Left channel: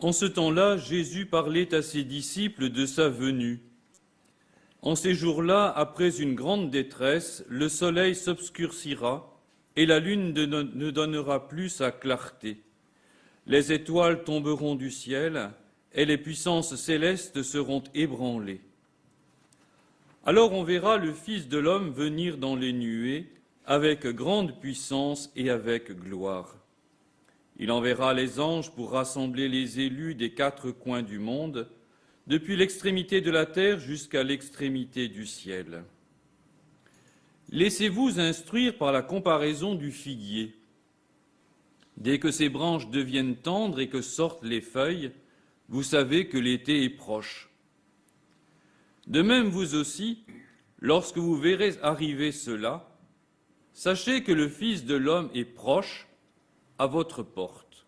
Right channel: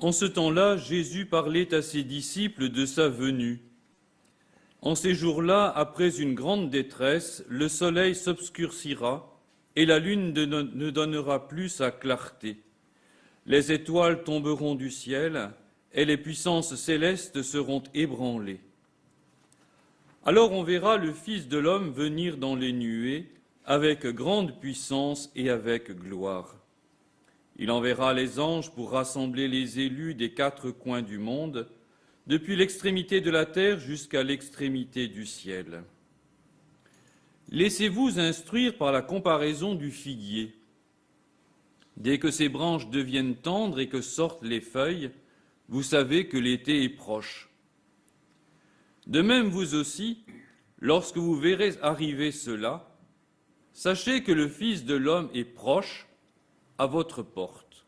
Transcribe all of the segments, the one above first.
En ce temps-là, Jésus parlait à ses disciples de sa venue. En ces jours-là, après une grande détresse, le soleil s'obscurcira et la lune ne donnera plus sa clarté. Les étoiles tomberont du ciel et les puissances célestes seront ébranlées. Alors on verra le Fils de l'homme venir dans les nuées avec grande puissance et avec gloire. Il enverra les anges pour rassembler les élus des 4 coins du monde, depuis l'extrémité de la terre jusqu'à l'extrémité du ciel. Laissez-vous instruire par la comparaison du figuier. Dès que ses branches deviennent tendres et que sortent les feuilles, vous savez que l'été est proche. De même, vous aussi, lorsque vous verrez arriver cela, sachez que le Fils de l'homme est proche, à votre porte.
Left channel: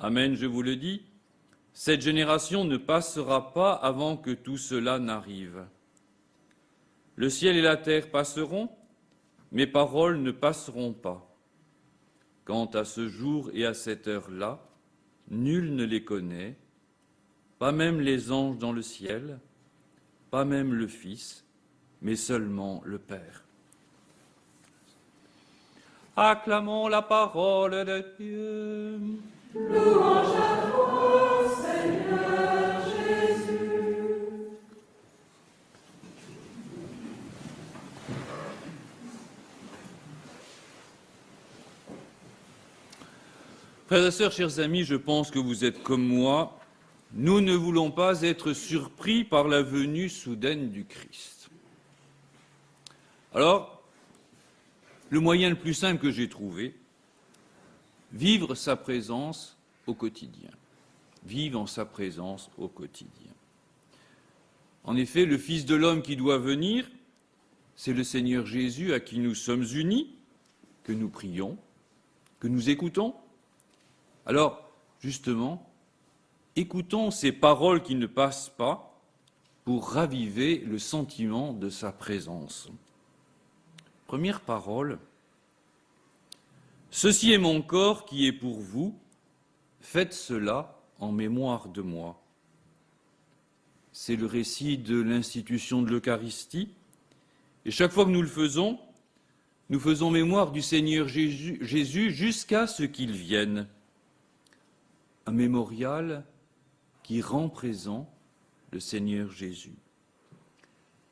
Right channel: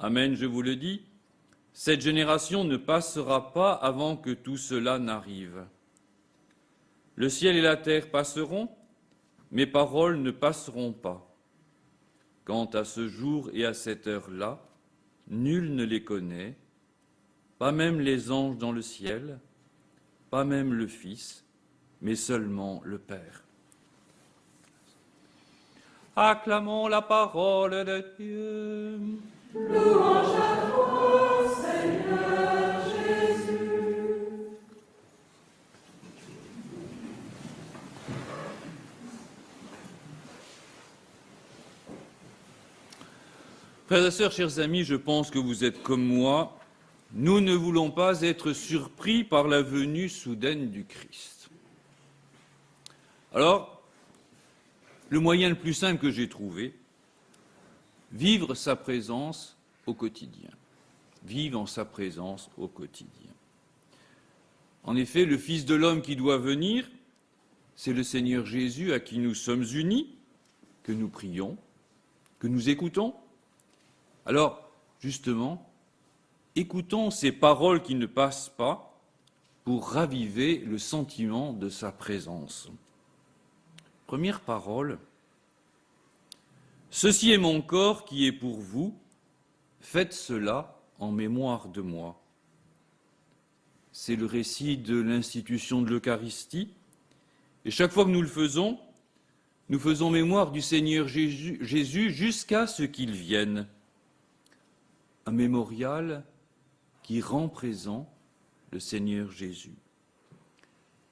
Amen, je vous le dis, cette génération ne passera pas avant que tout cela n'arrive. Le ciel et la terre passeront, mes paroles ne passeront pas. Quant à ce jour et à cette heure-là, nul ne les connaît, pas même les anges dans le ciel, pas même le Fils, mais seulement le Père. Acclamons la parole de Dieu. Louange à toi, Seigneur Jésus. Frères et sœurs, chers amis, je pense que vous êtes comme moi. Nous ne voulons pas être surpris par la venue soudaine du Christ. Alors, le moyen le plus simple que j'ai trouvé, vivre sa présence au quotidien. Vivre en sa présence au quotidien. En effet, le Fils de l'homme qui doit venir, c'est le Seigneur Jésus à qui nous sommes unis, que nous prions, que nous écoutons. Alors, justement, écoutons ces paroles qui ne passent pas pour raviver le sentiment de sa présence. Première parole, « Ceci est mon corps qui est pour vous, faites cela en mémoire de moi. » C'est le récit de l'institution de l'Eucharistie. Et chaque fois que nous faisons mémoire du Seigneur Jésus jusqu'à ce qu'il vienne. Un mémorial qui rend présent le Seigneur Jésus.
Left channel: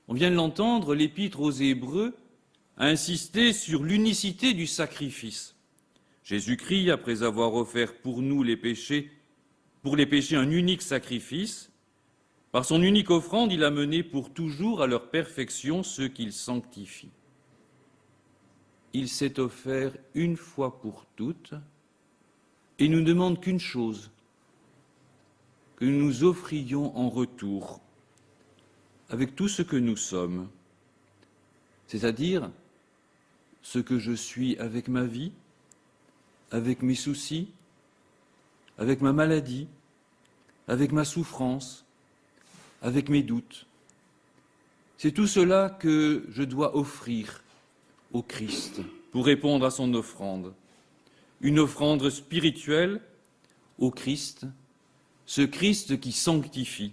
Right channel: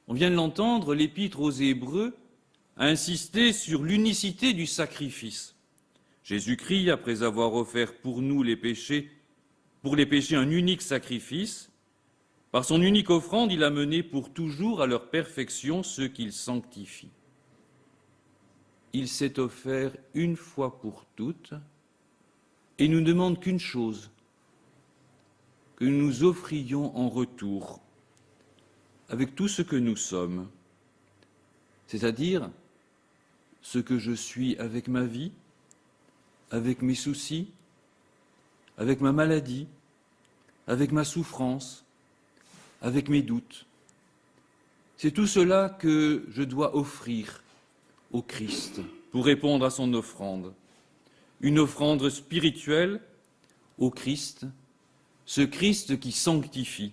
On vient de l'entendre, l'Épître aux Hébreux a insisté sur l'unicité du sacrifice. Jésus-Christ, après avoir offert pour nous les péchés, un unique sacrifice, par son unique offrande, il a mené pour toujours à leur perfection ceux qu'il sanctifie. Il s'est offert une fois pour toutes et nous demande qu'une chose, que nous nous offrions en retour avec tout ce que nous sommes, c'est-à-dire ce que je suis avec ma vie, avec mes soucis, avec ma maladie, avec ma souffrance, avec mes doutes. C'est tout cela que je dois offrir au Christ pour répondre à son offrande. Une offrande spirituelle au Christ, ce Christ qui sanctifie.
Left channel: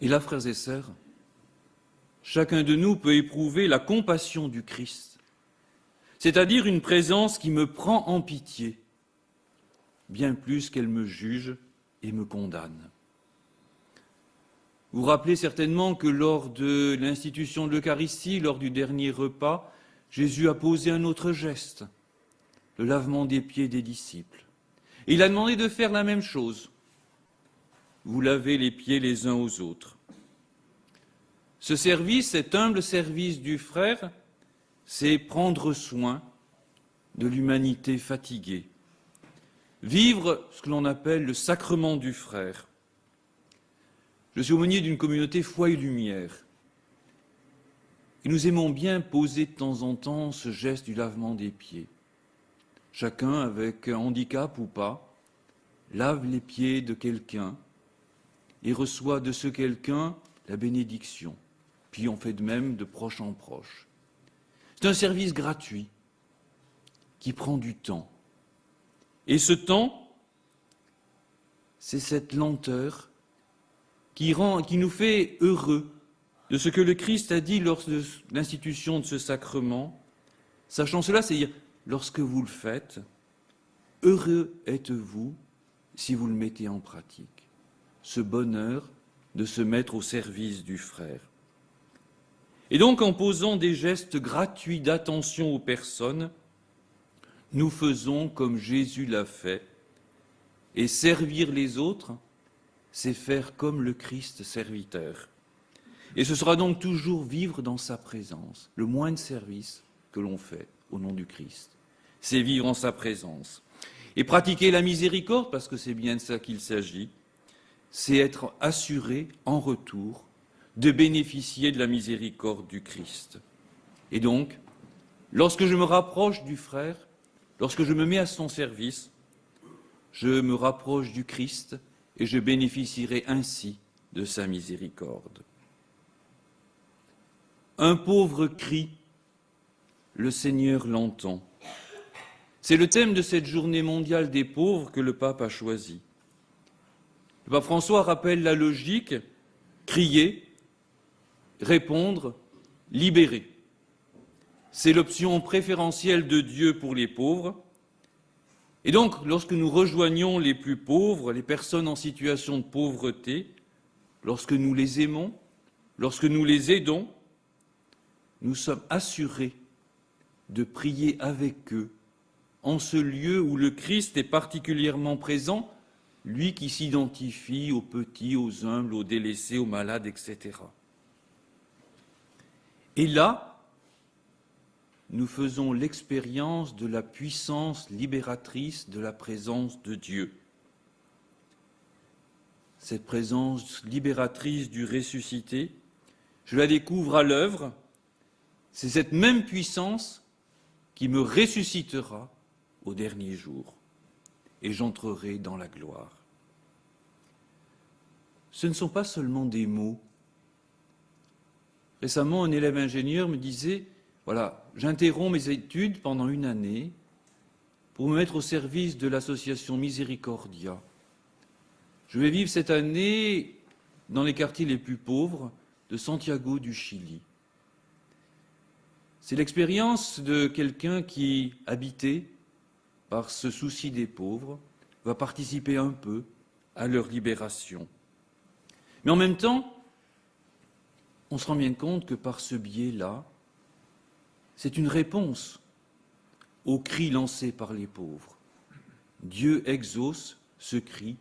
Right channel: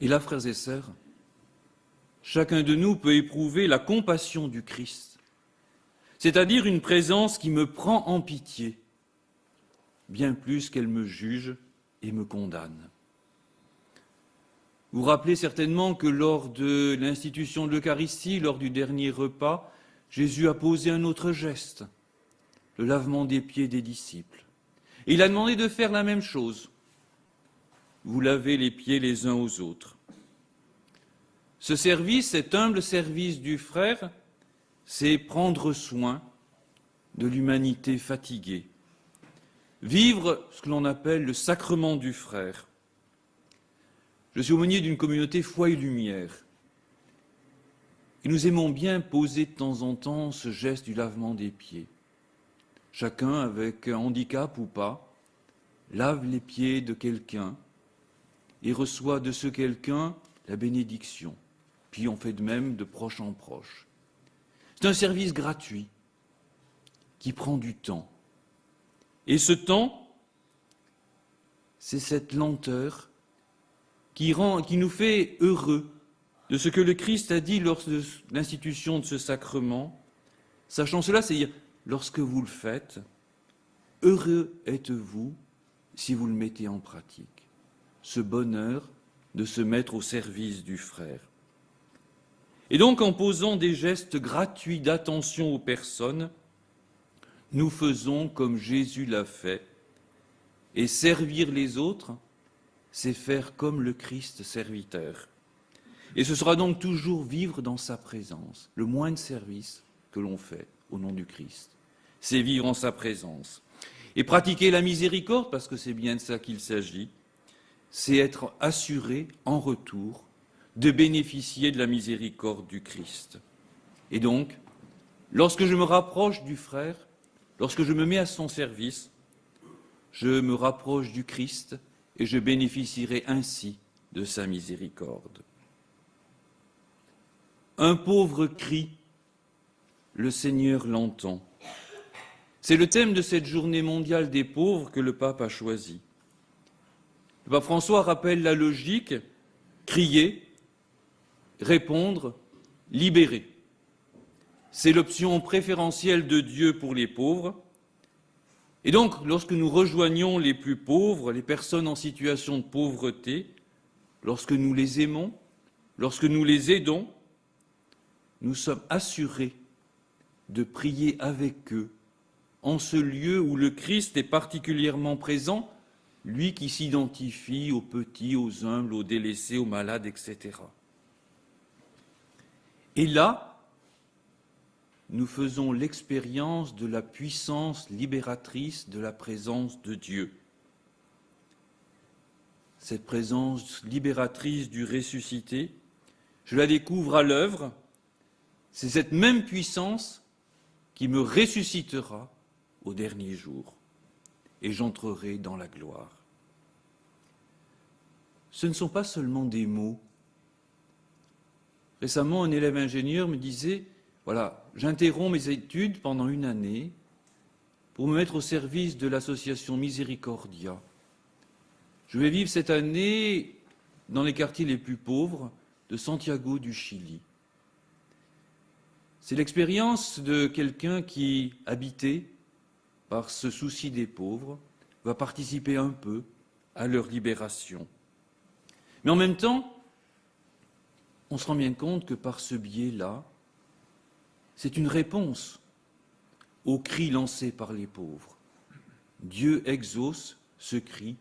Et là, frères et sœurs, chacun de nous peut éprouver la compassion du Christ, c'est-à-dire une présence qui me prend en pitié, bien plus qu'elle me juge et me condamne. Vous vous rappelez certainement que lors de l'institution de l'Eucharistie, lors du dernier repas, Jésus a posé un autre geste, le lavement des pieds des disciples. Et il a demandé de faire la même chose. Vous lavez les pieds les uns aux autres. Ce service, cet humble service du frère, c'est prendre soin de l'humanité fatiguée. Vivre ce que l'on appelle le sacrement du frère. Je suis aumônier d'une communauté foi et lumière. Et nous aimons bien poser de temps en temps ce geste du lavement des pieds. Chacun, avec un handicap ou pas, lave les pieds de quelqu'un et reçoit de ce quelqu'un la bénédiction. Puis on fait de même de proche en proche. C'est un service gratuit qui prend du temps. Et ce temps, c'est cette lenteur qui nous fait heureux de ce que le Christ a dit lors de l'institution de ce sacrement. Sachant cela, c'est-à-dire, lorsque vous le faites, heureux êtes-vous si vous le mettez en pratique. Ce bonheur de se mettre au service du frère. Et donc, en posant des gestes gratuits d'attention aux personnes, nous faisons comme Jésus l'a fait. Et servir les autres, c'est faire comme le Christ serviteur. Et ce sera donc toujours vivre dans sa présence. Le moins de service que l'on fait au nom du Christ, c'est vivre en sa présence. Et pratiquer la miséricorde, parce que c'est bien de ça qu'il s'agit, c'est être assuré en retour de bénéficier de la miséricorde du Christ. Et donc, lorsque je me rapproche du frère, lorsque je me mets à son service, je me rapproche du Christ et je bénéficierai ainsi de sa miséricorde. Un pauvre crie, le Seigneur l'entend. C'est le thème de cette journée mondiale des pauvres que le pape a choisi. Le pape François rappelle la logique, crier, répondre, libérer. C'est l'option préférentielle de Dieu pour les pauvres. Et donc, lorsque nous rejoignons les plus pauvres, les personnes en situation de pauvreté, lorsque nous les aimons, lorsque nous les aidons, nous sommes assurés de prier avec eux en ce lieu où le Christ est particulièrement présent, lui qui s'identifie aux petits, aux humbles, aux délaissés, aux malades, etc. Et là, nous faisons l'expérience de la puissance libératrice de la présence de Dieu. Cette présence libératrice du ressuscité, je la découvre à l'œuvre. C'est cette même puissance qui me ressuscitera au dernier jour et j'entrerai dans la gloire. Ce ne sont pas seulement des mots. Récemment, un élève ingénieur me disait, voilà, j'interromps mes études pendant une année pour me mettre au service de l'association Miséricordia. Je vais vivre cette année dans les quartiers les plus pauvres de Santiago du Chili. C'est l'expérience de quelqu'un qui, habité par ce souci des pauvres, va participer un peu à leur libération. Mais en même temps, on se rend bien compte que par ce biais-là, c'est une réponse au cri lancé par les pauvres. Dieu exauce ce cri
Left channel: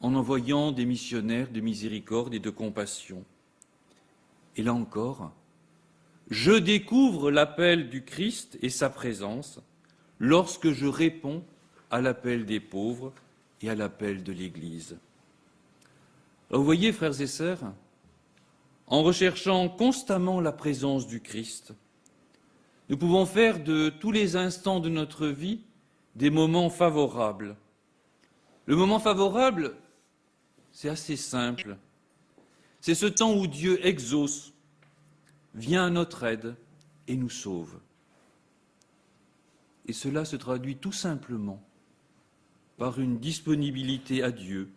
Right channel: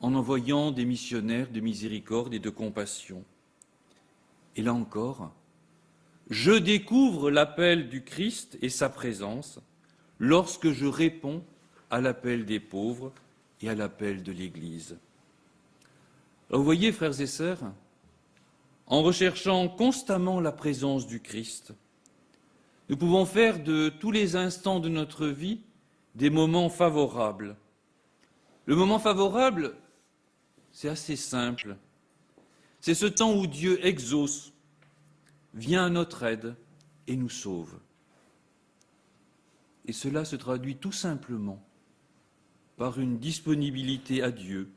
en envoyant des missionnaires de miséricorde et de compassion. Et là encore, je découvre l'appel du Christ et sa présence lorsque je réponds à l'appel des pauvres et à l'appel de l'Église. Alors vous voyez, frères et sœurs, en recherchant constamment la présence du Christ, nous pouvons faire de tous les instants de notre vie des moments favorables. Le moment favorable, c'est assez simple. C'est ce temps où Dieu exauce, vient à notre aide et nous sauve. Et cela se traduit tout simplement par une disponibilité à Dieu,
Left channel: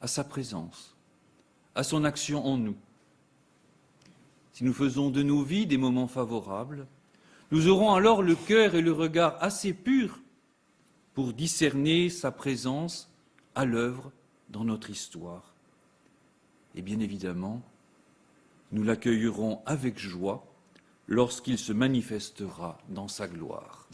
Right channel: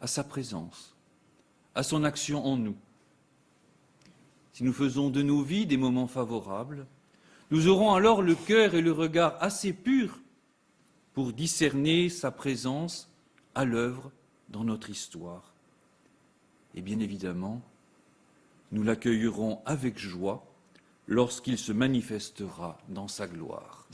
à sa présence, à son action en nous. Si nous faisons de nos vies des moments favorables, nous aurons alors le cœur et le regard assez purs pour discerner sa présence à l'œuvre dans notre histoire. Et bien évidemment, nous l'accueillerons avec joie lorsqu'il se manifestera dans sa gloire.